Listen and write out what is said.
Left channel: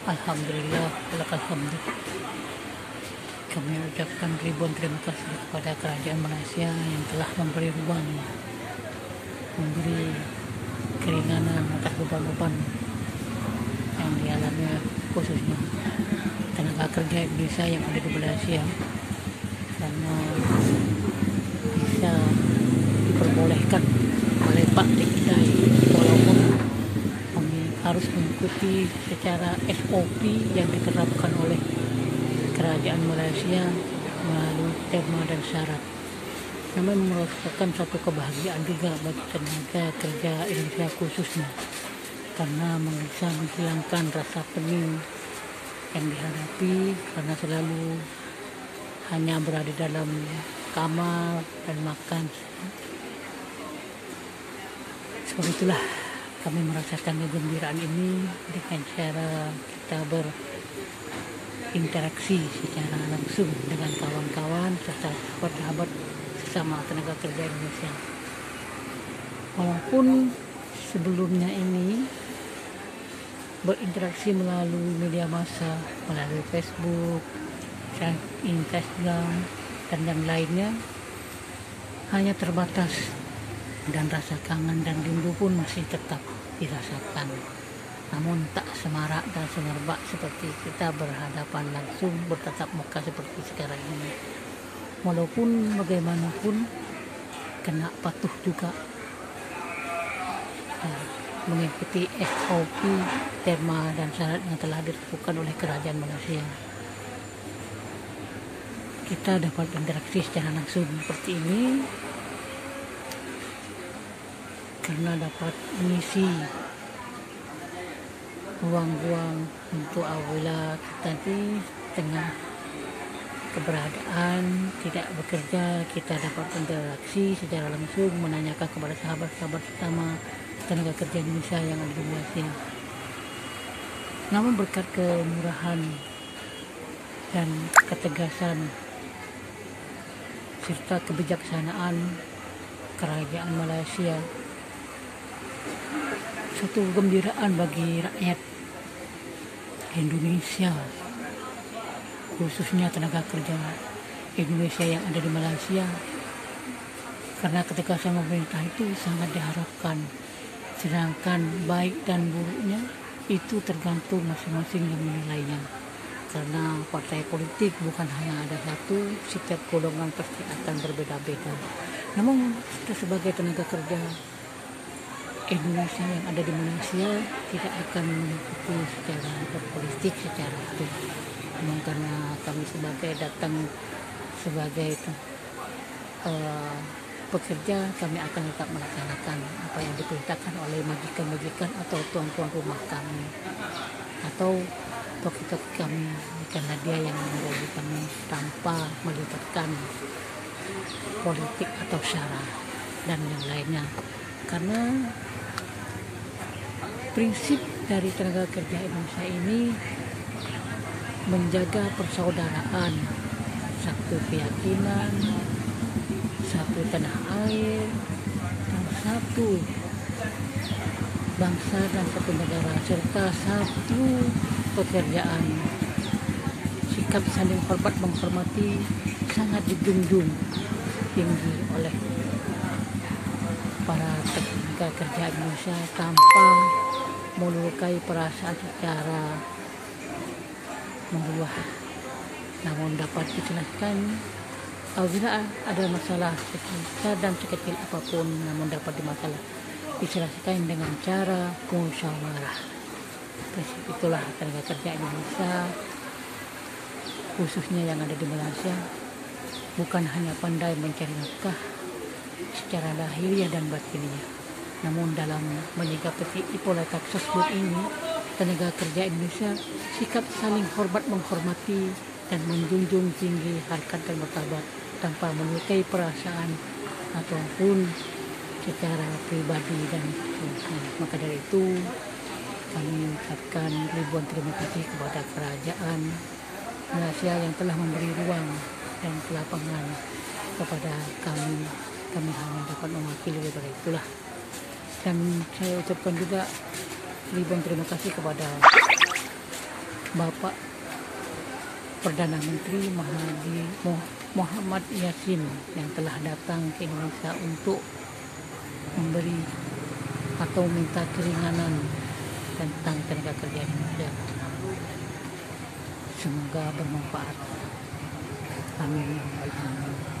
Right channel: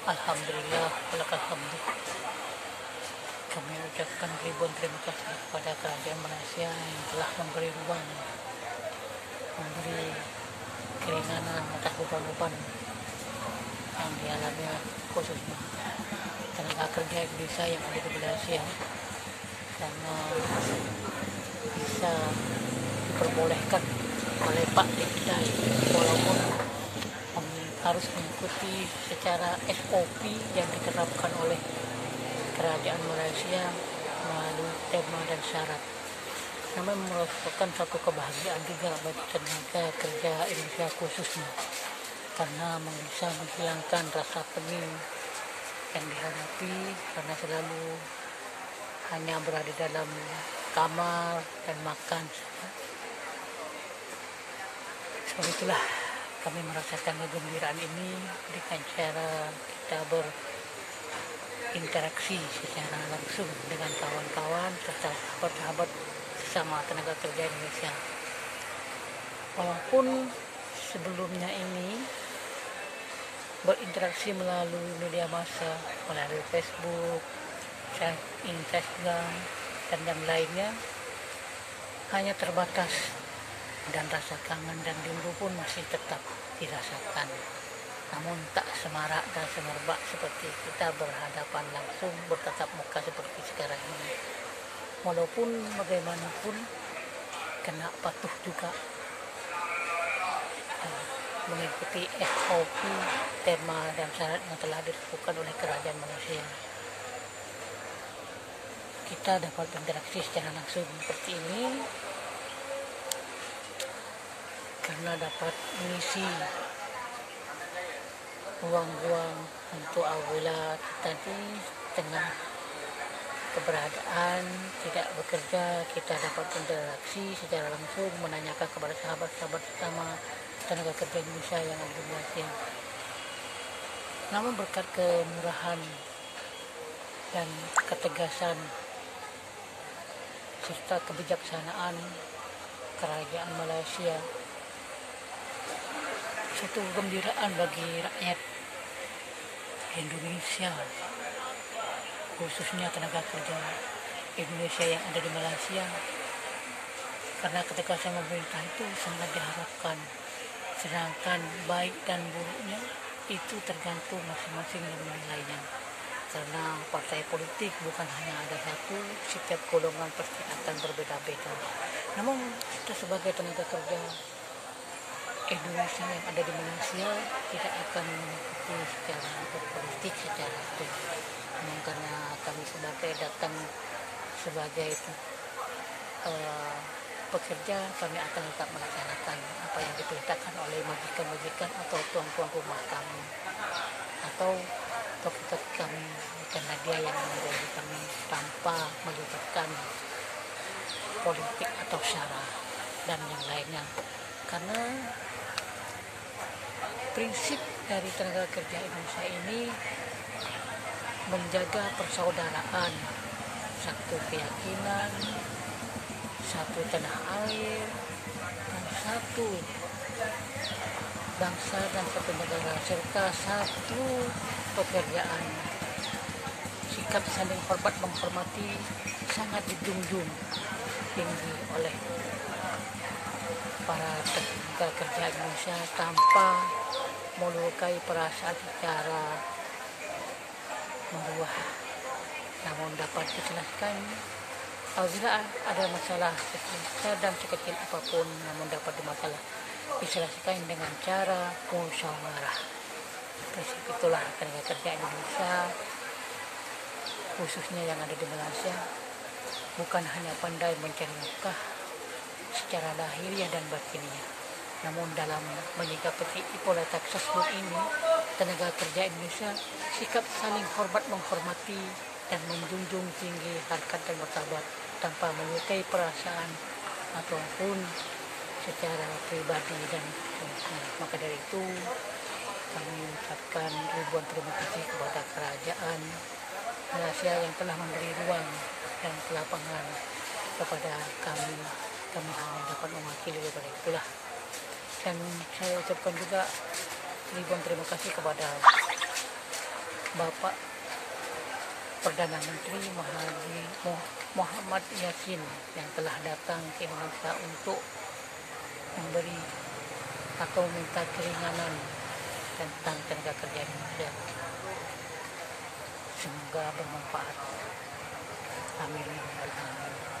Alhamdulillah, alhamdulillah. Kami ucapkan ribuan terima kasih kepada kerajaan Malaysia yang telah memberi ruang, memberi keringanan atas beban-beban yang dialami khususnya tenaga kerja Indonesia yang ada di Malaysia, karena bisa diperbolehkan melepak di kedai walaupun harus mengikuti secara SOP yang diterapkan oleh kerajaan Malaysia melalui tema dan syarat. Namun merupakan suatu kebahagiaan juga bagi tenaga kerja Indonesia khususnya, karena bisa menghilangkan rasa pening yang dihadapi karena selalu hanya berada dalam kamar dan makan. Seperti itulah kami merasakan kegembiraan ini dengan cara kita berinteraksi secara langsung dengan kawan-kawan serta sahabat-sahabat sesama tenaga kerja Indonesia. Walaupun sebelumnya ini berinteraksi melalui media massa, melalui Facebook, Instagram, dan yang lainnya hanya terbatas, dan rasa kangen dan rindu pun masih tetap dirasakan. Namun tak semarak dan semerbak seperti kita berhadapan langsung, bertatap muka seperti sekarang ini. Walaupun bagaimanapun kena patuh juga mengikuti SOP, tema dan syarat yang telah ditentukan oleh kerajaan Malaysia. Kita dapat berinteraksi secara langsung seperti ini karena dapat mengisi ruang-ruang untuk apabila kita di tengah keberadaan tidak bekerja, kita dapat berinteraksi secara langsung, menanyakan kepada sahabat-sahabat sesama tenaga kerja Indonesia yang ada di Malaysia. Namun berkat kemurahan dan ketegasan serta kebijaksanaan kerajaan Malaysia, suatu kegembiraan bagi rakyat Indonesia, khususnya tenaga kerja Indonesia yang ada di Malaysia, karena ketegasan pemerintah itu sangat diharapkan. Sedangkan baik dan buruknya itu tergantung masing-masing yang menilainya, karena partai politik bukan hanya ada satu, setiap golongan pasti akan berbeda-beda. Namun kita sebagai tenaga kerja Indonesia yang ada di Malaysia tidak akan mengikuti secara berpolitik secara itu. Namun karena kami datang sebagai pekerja, kami akan tetap melaksanakan apa yang diperintahkan oleh majikan-majikan atau tuan-tuan rumah kami atau toki-toki kami, karena dia yang mengayomi kami tanpa melibatkan politik atau sara dan yang lainnya. Karena prinsip dari tenaga kerja Indonesia ini menjaga persaudaraan, satu keyakinan, satu tanah air, dan satu bangsa dan satu negara, serta satu pekerjaan. Sikap saling hormat menghormati sangat dijunjung tinggi oleh para tenaga kerja Indonesia tanpa melukai perasaan secara meluah. Namun dapat dijelaskan apabila ada masalah sekecil dan sekecil apapun, namun dapat diselesaikan dengan cara musyawarah. Prinsip itulah tenaga kerja Indonesia khususnya yang ada di Malaysia, bukan hanya pandai mencari nafkah secara lahiriah dan batiniah, namun dalam menyikapi pola tersebut ini, tenaga kerja Indonesia sikap saling hormat menghormati dan menjunjung tinggi harkat dan martabat tanpa melukai perasaan ataupun secara pribadi dan seterusnya. Maka dari itu kami ucapkan ribuan terima kasih kepada kerajaan Malaysia yang telah memberi ruang dan kelapangan kepada kami. Kami hanya dapat mewakili daripada itulah. Dan saya ucapkan juga ribuan terima kasih kepada Bapak Perdana Menteri Muhammad Yassin yang telah datang ke Indonesia untuk memberi atau minta keringanan tentang tenaga kerja Indonesia. Semoga bermanfaat. Amin ya rabbal alamin.